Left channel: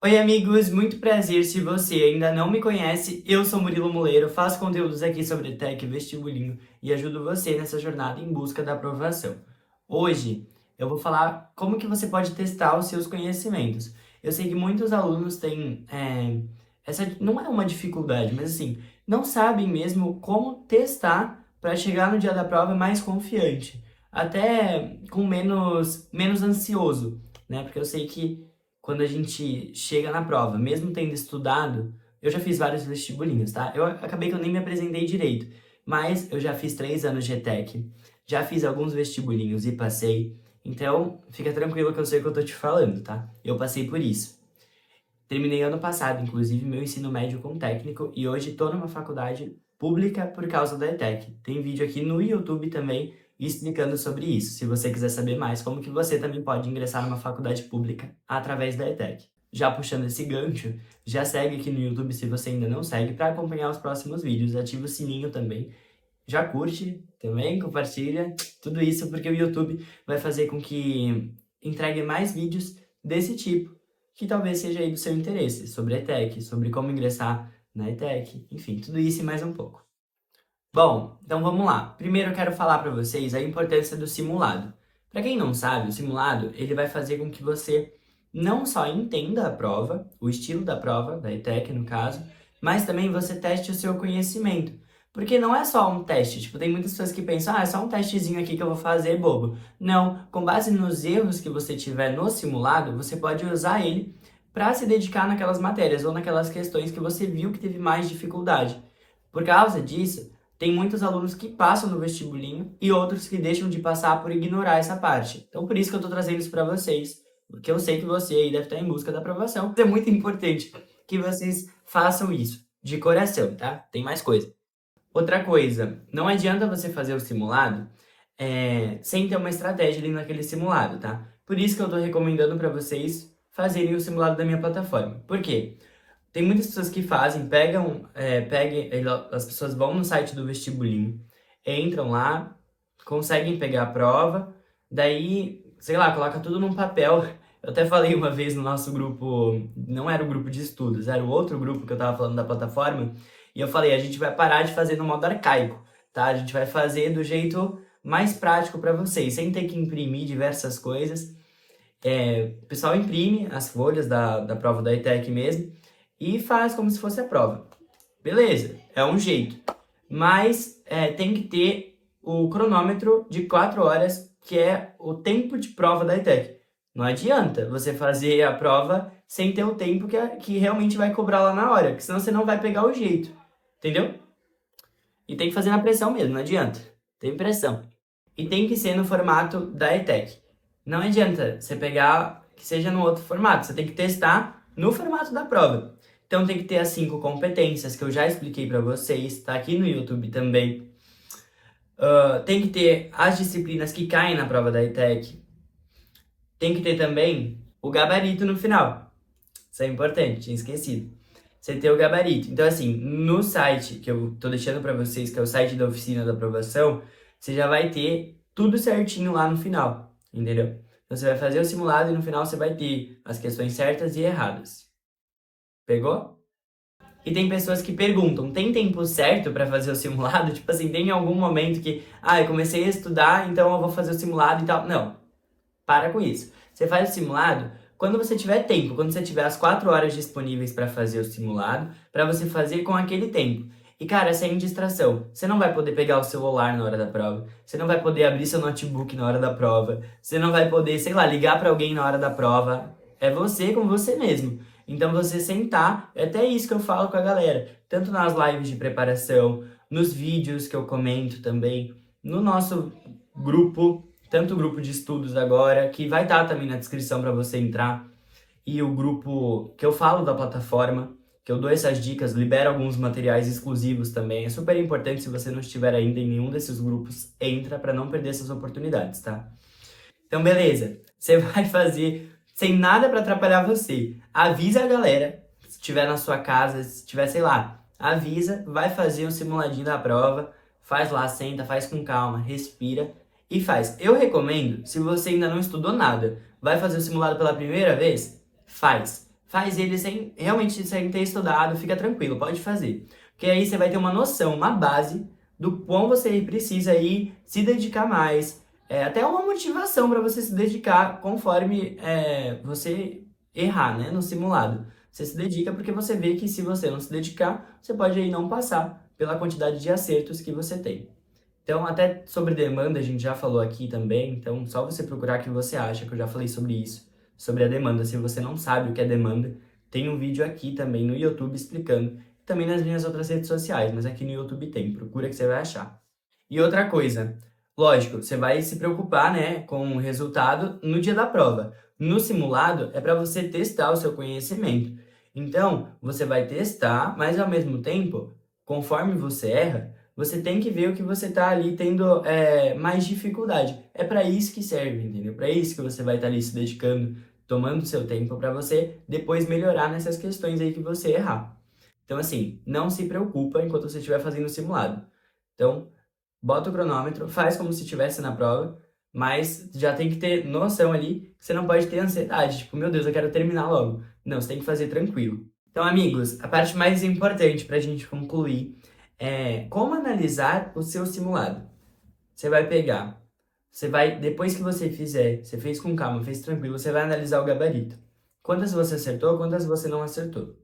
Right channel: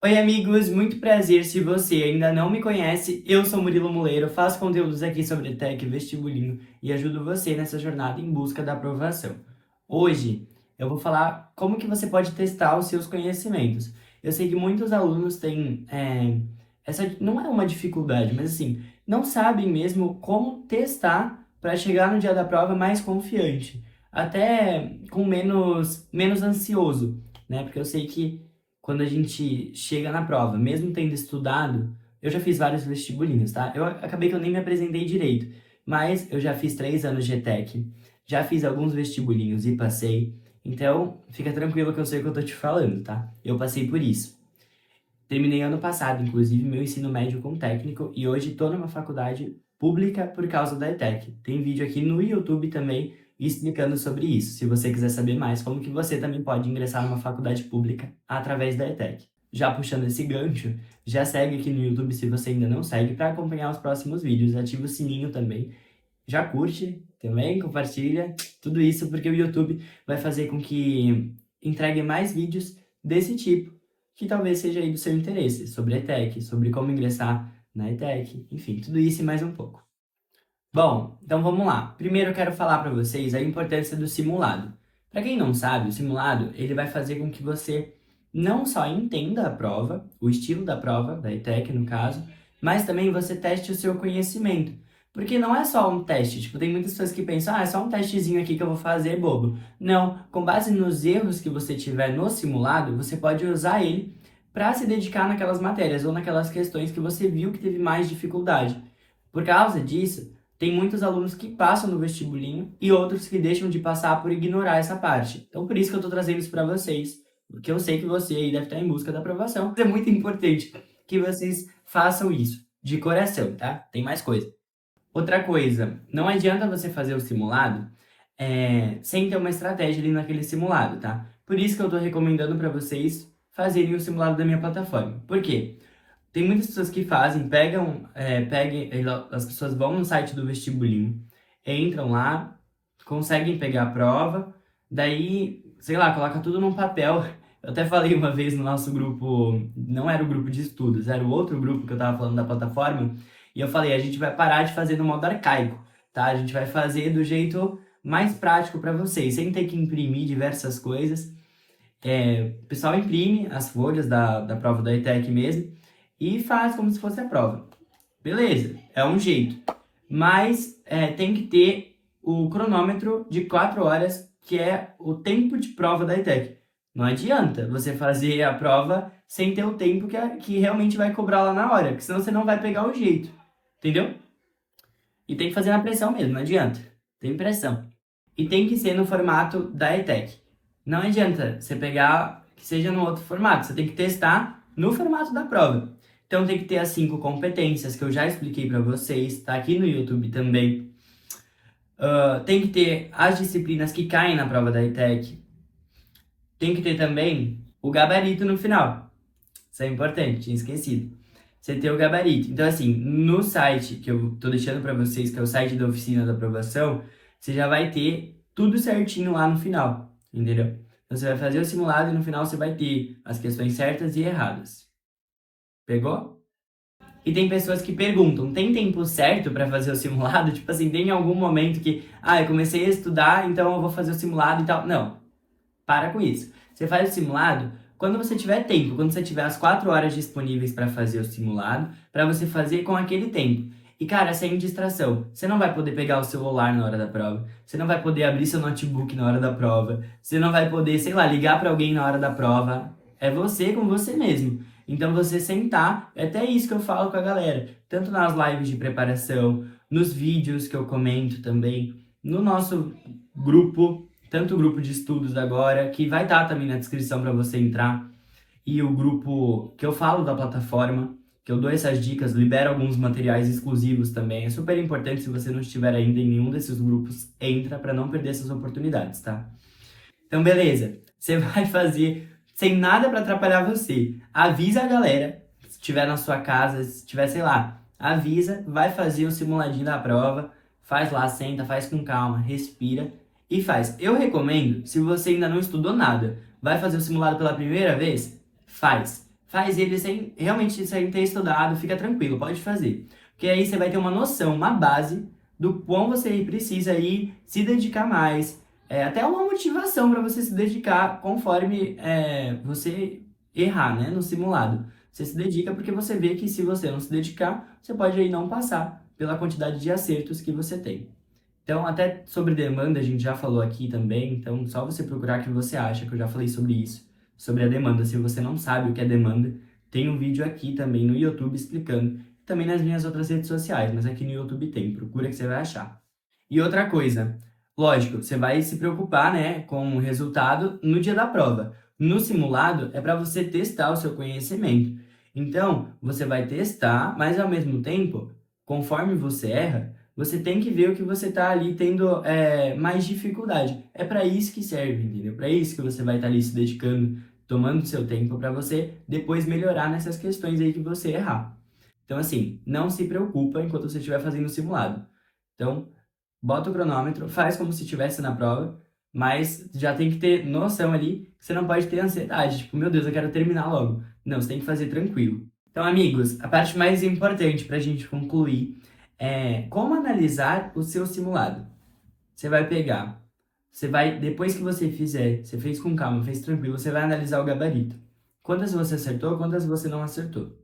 Oi, amigos, muito prazer. Se você ainda não me conhece, eu sou Murilo Muleiro, faço conteúdos aqui sobre tech, vestibulinho e ajudo você nessa jornada em busca da aprovação. Hoje eu vou falar como que você pode testar os seus conhecimentos. Eu sei que muitos alunos têm essa não é uma dificuldade, mas assim, não sabem mesmo como testar para chegar no dia da prova mais confiante, até com menos ansioso, né? Porque eu sei que quando a gente chega na prova, mesmo tendo estudado, eu já fiz vários vestibulinhos, tá? Eu acabei que eu nem me apresentei direito, mas eu já fiz 3 anos de ETEC, já fiz alguns vestibulinhos e passei, então fica tranquilo que eu sei o que eu tô te falando, tá? Eu passei por isso. Terminei ano passado, inclusive, meu ensino médio com técnico e hoje estou numa faculdade pública por causa da ETEC. Tem vídeo aqui no YouTube também explicando sobre isso, se você quiser saber mais como que você também pode ingressar numa faculdade pública através da ETEC. Já puxando esse gancho, já segue aqui no YouTube se você ainda não segue para acompanhar os próximos vídeos, ativa o sininho também, já curte também, compartilha, tudo isso porque o YouTube vai fazer com que entregue mais vídeos desse tipo que talvez seja aí do seu interesse, sobre a ETEC, sobre como ingressar na ETEC, enfim, tudo isso e mais um pouco. Bom, então vamos lá. Primeiro eu quero falar para vocês a importância do simulado. Para quem não sabe, o simulado ele vai fazer com que você não só entenda a prova, o estilo da prova, da ETEC no caso, mas também você teste o seu conhecimento. Porque não é só um teste, tipo, tem muitas pessoas que pensam, é só um testezinho aqui que eu vou fazer, bobo. Não, com base nos erros que você tiver no simulado, você pode usar ele para se dedicar naquelas matérias ou naquelas questões que você viu que teve mais dificuldade. Por causa disso, tem muitos alunos que passam no vestibulinho e outros que deixam de passar por ignorar essa parte. Então, por isso que eu estou trazendo isso para vocês, porque eu sei que você aí deve estar em busca da aprovação. É muito importante que vocês façam isso de coração, tá? Tem mais coisa. Outra coisa, não adianta você fazer o simulado sem ter uma estratégia ali naquele simulado, tá? Por isso que eu estou recomendando para vocês fazerem o simulado da minha plataforma. Por quê? Tem muitas pessoas que fazem, as pessoas vão no site do vestibulinho, entram lá, conseguem pegar a prova, daí, sei lá, coloca tudo num papel. Eu até falei uma vez no nosso grupo, não era o grupo de estudos, era o outro grupo que eu tava falando da plataforma, e eu falei, a gente vai parar de fazer no modo arcaico, tá? A gente vai fazer do jeito mais prático para vocês, sem ter que imprimir diversas coisas. O pessoal imprime as folhas da prova da ETEC mesmo e faz como se fosse a prova. Beleza, é um jeito. Mas tem que ter o cronômetro de 4 horas, que é o tempo de prova da ETEC. Não adianta você fazer a prova sem ter o tempo que realmente vai cobrar lá na hora, porque senão você não vai pegar o jeito. Entendeu? E tem que fazer na pressão mesmo, não adianta. Tem pressão. E tem que ser no formato da ETEC. Não adianta você pegar que seja no outro formato, você tem que testar no formato da prova. Então tem que ter as 5 competências que eu já expliquei para vocês, tá aqui no YouTube também. Tem que ter as disciplinas que caem na prova da ETEC. Tem que ter também o gabarito no final. Isso é importante, tinha esquecido. Você ter o gabarito. Então, assim, no site que eu tô deixando para vocês, que é o site da oficina da aprovação, você já vai ter tudo certinho lá no final, entendeu? Então, você vai fazer o simulado e no final você vai ter as questões certas e erradas. Pegou? E tem pessoas que perguntam, tem tempo certo para fazer o simulado? Tipo assim, tem algum momento que, eu comecei a estudar, então eu vou fazer o simulado e tal. Não, para com isso. Você faz o simulado quando você tiver tempo, quando você tiver as 4 horas disponíveis para fazer o simulado, para você fazer com aquele tempo. E cara, sem distração. Você não vai poder pegar o celular na hora da prova. Você não vai poder abrir seu notebook na hora da prova. Você não vai poder, sei lá, ligar para alguém na hora da prova. É você com você mesmo. Então você sentar, é até isso que eu falo com a galera, tanto nas lives de preparação, nos vídeos que eu comento também, no nosso grupo, tanto o grupo de estudos agora, que vai estar também na descrição para você entrar, e o grupo que eu falo da plataforma, que eu dou essas dicas, libero alguns materiais exclusivos também. É super importante, se você não estiver ainda em nenhum desses grupos, entra para não perder essas oportunidades, tá? Então, beleza. Você vai fazer sem nada para atrapalhar você. Avisa a galera, se estiver na sua casa, se estiver, sei lá, avisa, vai fazer o simuladinho da prova, faz lá, senta, faz com calma, respira e faz. Eu recomendo, se você ainda não estudou nada, vai fazer o simulado pela primeira vez, faz. faz ele sem ter estudado, fica tranquilo, pode fazer. Porque aí você vai ter uma noção, uma base do quão você precisa aí se dedicar mais, até uma motivação para você se dedicar conforme você errar, né, no simulado. Você se dedica porque você vê que se você não se dedicar, você pode aí não passar pela quantidade de acertos que você tem. Então, até sobre demanda, a gente já falou aqui também, então só você procurar o que você acha, que eu já falei sobre isso, sobre a demanda. Se você não sabe o que é demanda, tem um vídeo aqui também no YouTube explicando, também nas minhas outras redes sociais, mas aqui no YouTube tem, procura que você vai achar. E outra coisa, lógico, você vai se preocupar, né, com o resultado no dia da prova. No simulado é para você testar o seu conhecimento. Então, você vai testar, mas ao mesmo tempo, conforme você erra, você tem que ver o que você está ali tendo mais dificuldade. É para isso que serve, entendeu? Para isso que você vai estar ali se dedicando, tomando seu tempo para você depois melhorar nessas questões aí que você errar. Então, assim, não se preocupa enquanto você estiver fazendo o simulado. Então, bota o cronômetro, faz como se estivesse na prova, mas já tem que ter noção ali que você não pode ter ansiedade. Tipo, meu Deus, eu quero terminar logo. Não, você tem que fazer tranquilo. Então, amigos, a parte mais importante para a gente concluir é como analisar o seu simulado. Você vai pegar, depois que você fizer, você fez com calma, fez tranquilo, você vai analisar o gabarito. Quantas você acertou, quantas você não acertou.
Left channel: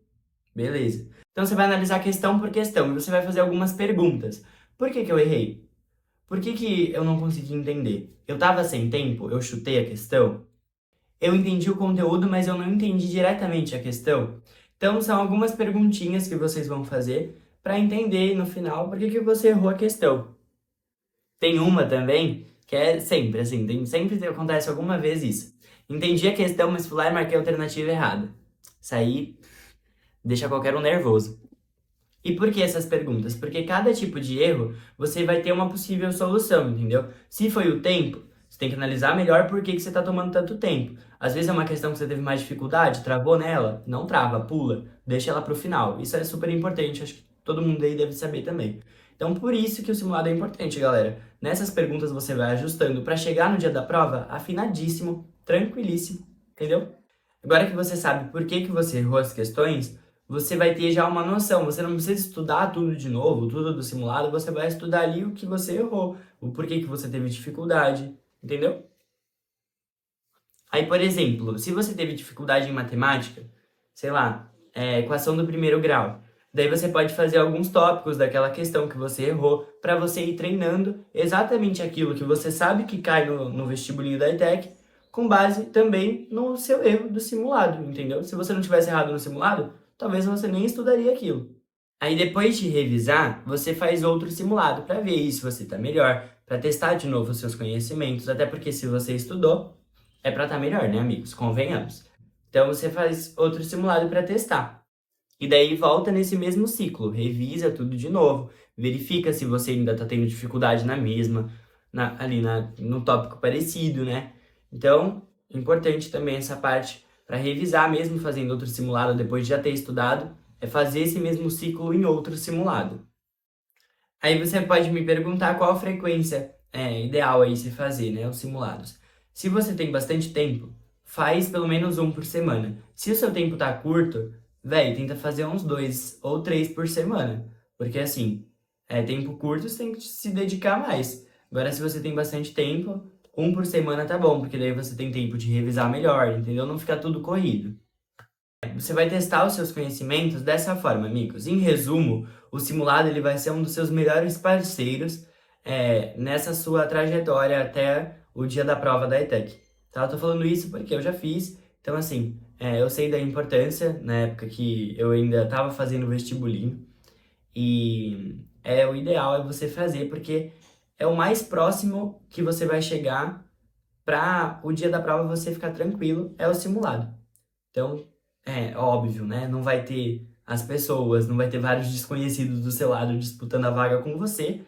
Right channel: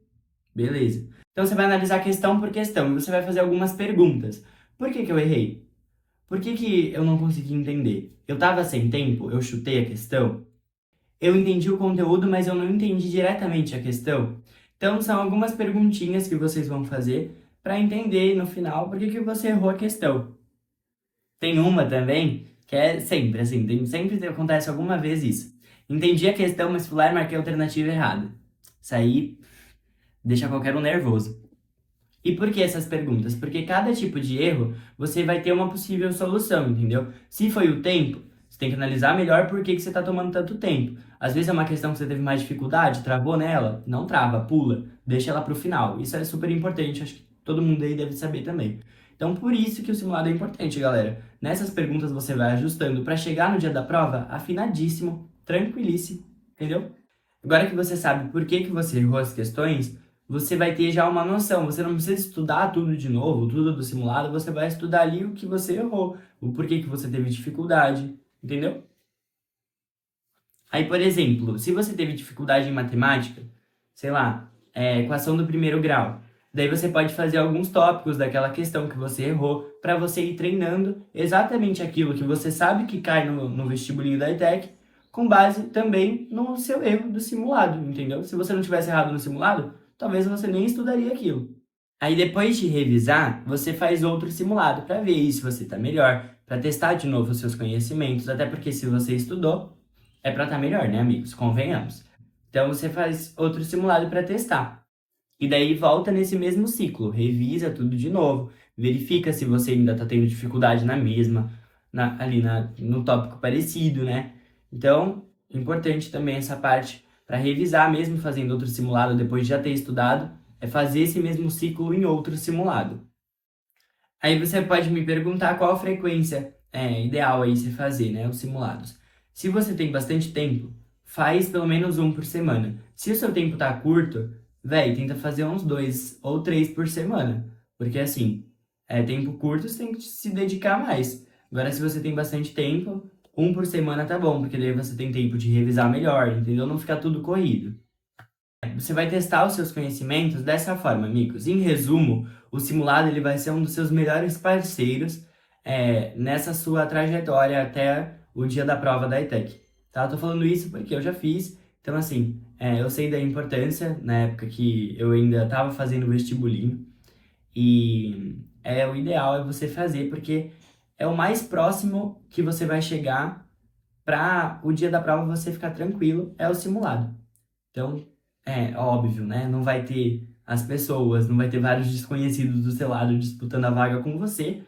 Beleza. Então você vai analisar questão por questão e você vai fazer algumas perguntas. Por que eu errei? Por que eu não consegui entender? Eu estava sem tempo? Eu chutei a questão? Eu entendi o conteúdo, mas eu não entendi diretamente a questão? Então são algumas perguntinhas que vocês vão fazer para entender no final por que você errou a questão. Tem uma também que é sempre assim, sempre acontece alguma vez isso. Entendi a questão, mas fui lá e marquei a alternativa errada. Isso aí deixa qualquer um nervoso. E por que essas perguntas? Porque cada tipo de erro você vai ter uma possível solução, entendeu? Se foi o tempo, você tem que analisar melhor por que você está tomando tanto tempo. Às vezes é uma questão que você teve mais dificuldade, travou nela, não trava, pula, deixa ela para o final. Isso é super importante, acho que todo mundo aí deve saber também. Então, por isso que o simulado é importante, galera. Nessas perguntas você vai ajustando para chegar no dia da prova afinadíssimo, tranquilíssimo, entendeu? Agora que você sabe por que você errou as questões, você vai ter já uma noção. Você não precisa estudar tudo de novo, tudo do simulado, você vai estudar ali o que você errou, o porquê que você teve dificuldade, entendeu? Aí, por exemplo, se você teve dificuldade em matemática, sei lá, equação do primeiro grau, daí você pode fazer alguns tópicos daquela questão que você errou para você ir treinando exatamente aquilo que você sabe que cai no vestibulinho da ETEC, com base também no seu erro do simulado, entendeu? Se você não tivesse errado no simulado, talvez você nem estudaria aquilo. Aí depois de revisar, você faz outro simulado para ver se você está melhor, para testar de novo os seus conhecimentos, até porque se você estudou, é para estar melhor, né, amigos? Convenhamos. Então você faz outro simulado para testar. E daí volta nesse mesmo ciclo, revisa tudo de novo, verifica se você ainda está tendo dificuldade na mesma, no tópico parecido, né? Então, importante também essa parte para revisar, mesmo fazendo outro simulado depois de já ter estudado, é fazer esse mesmo ciclo em outro simulado. Aí você pode me perguntar qual a frequência ideal aí se fazer, né, os simulados. Se você tem bastante tempo, faz pelo menos um por semana. Se o seu tempo tá curto, tenta fazer uns 2 ou 3 por semana. Porque assim, tempo curto, você tem que se dedicar mais. Agora, se você tem bastante tempo, um por semana tá bom, porque daí você tem tempo de revisar melhor, entendeu? Não ficar tudo corrido. Você vai testar os seus conhecimentos dessa forma, amigos. Em resumo, o simulado ele vai ser um dos seus melhores parceiros nessa sua trajetória até o dia da prova da ETEC. Tá? Eu tô falando isso porque eu já fiz, então assim, eu sei da importância na época que eu ainda estava fazendo vestibulinho e o ideal é você fazer porque é o mais próximo que você vai chegar para o dia da prova você ficar tranquilo, é o simulado. Então, óbvio, né? Não vai ter as pessoas, não vai ter vários desconhecidos do seu lado disputando a vaga com você,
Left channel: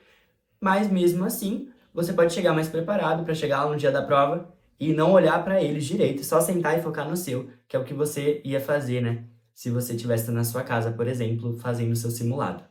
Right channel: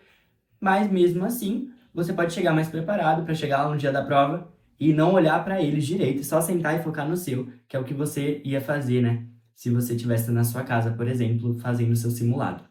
mas mesmo assim, você pode chegar mais preparado para chegar lá no dia da prova e não olhar para eles direito, só sentar e focar no seu, que é o que você ia fazer, né? Se você estivesse na sua casa, por exemplo, fazendo o seu simulado.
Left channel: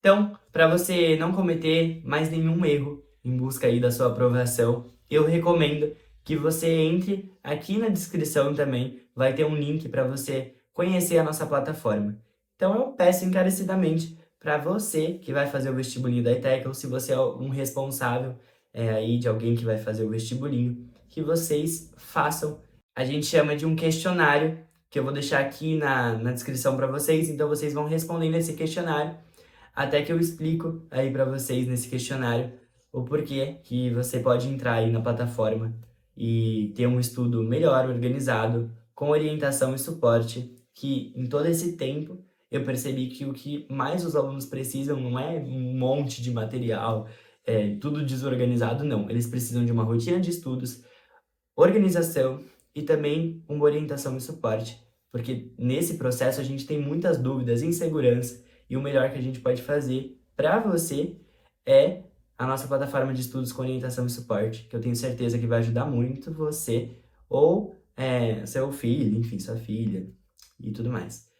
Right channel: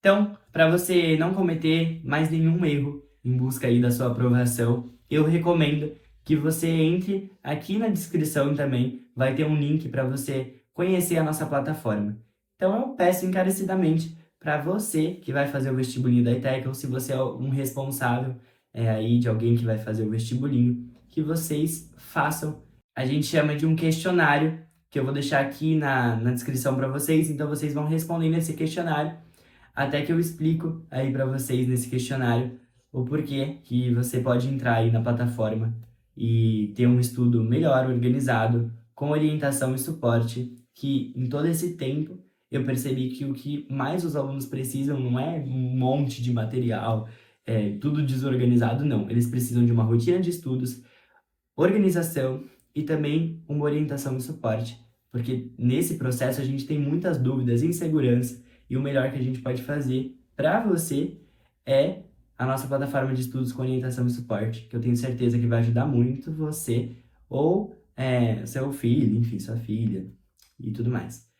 Então, para você não cometer mais nenhum erro em busca aí da sua aprovação, eu recomendo que você entre aqui na descrição também, vai ter um link para você conhecer a nossa plataforma. Então eu peço encarecidamente para você que vai fazer o vestibulinho da ETEC, ou se você é um responsável aí de alguém que vai fazer o vestibulinho, que vocês façam. A gente chama de um questionário, que eu vou deixar aqui na descrição para vocês, então vocês vão respondendo esse questionário, até que eu explico aí para vocês nesse questionário o porquê que você pode entrar aí na plataforma e ter um estudo melhor organizado, com orientação e suporte, que em todo esse tempo eu percebi que o que mais os alunos precisam não é um monte de material, tudo desorganizado, não. Eles precisam de uma rotina de estudos, organização e também uma orientação e suporte, porque nesse processo a gente tem muitas dúvidas, insegurança, e o melhor que a gente pode fazer para você é a nossa plataforma de estudos com orientação e suporte, que eu tenho certeza que vai ajudar muito você ou seu filho, enfim, sua filha e tudo mais.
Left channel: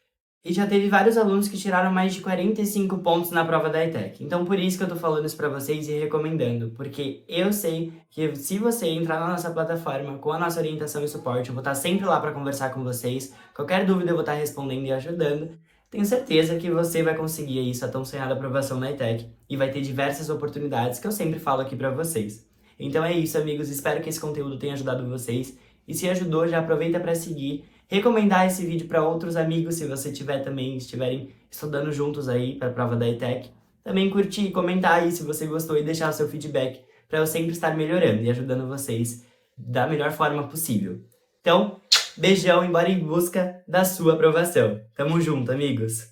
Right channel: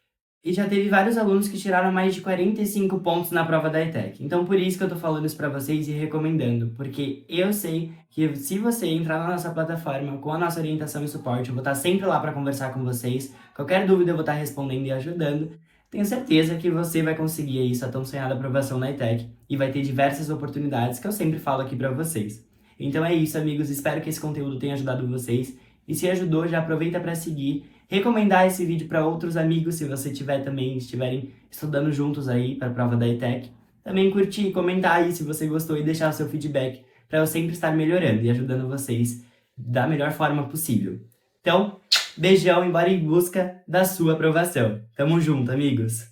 E já teve vários alunos que tiraram mais de 45 pontos na prova da ETEC. Então, por isso que eu tô falando isso pra vocês e recomendando, porque eu sei que se você entrar na nossa plataforma com a nossa orientação e suporte, eu vou estar sempre lá para conversar com vocês. Qualquer dúvida eu vou estar respondendo e ajudando. Tenho certeza que você vai conseguir aí sua tão sonhada aprovação na ETEC e vai ter diversas oportunidades que eu sempre falo aqui pra vocês. Então é isso, amigos. Espero que esse conteúdo tenha ajudado vocês. E se ajudou, já aproveita para seguir, recomendar esse vídeo para outros amigos, se você estiverem estudando juntos aí para a prova da ETEC. Também curtir, comentar aí se você gostou e deixar o seu feedback, para eu sempre estar melhorando e ajudando vocês da melhor forma possível. Então, beijão e bora em busca da sua aprovação. Tamo junto, amigos!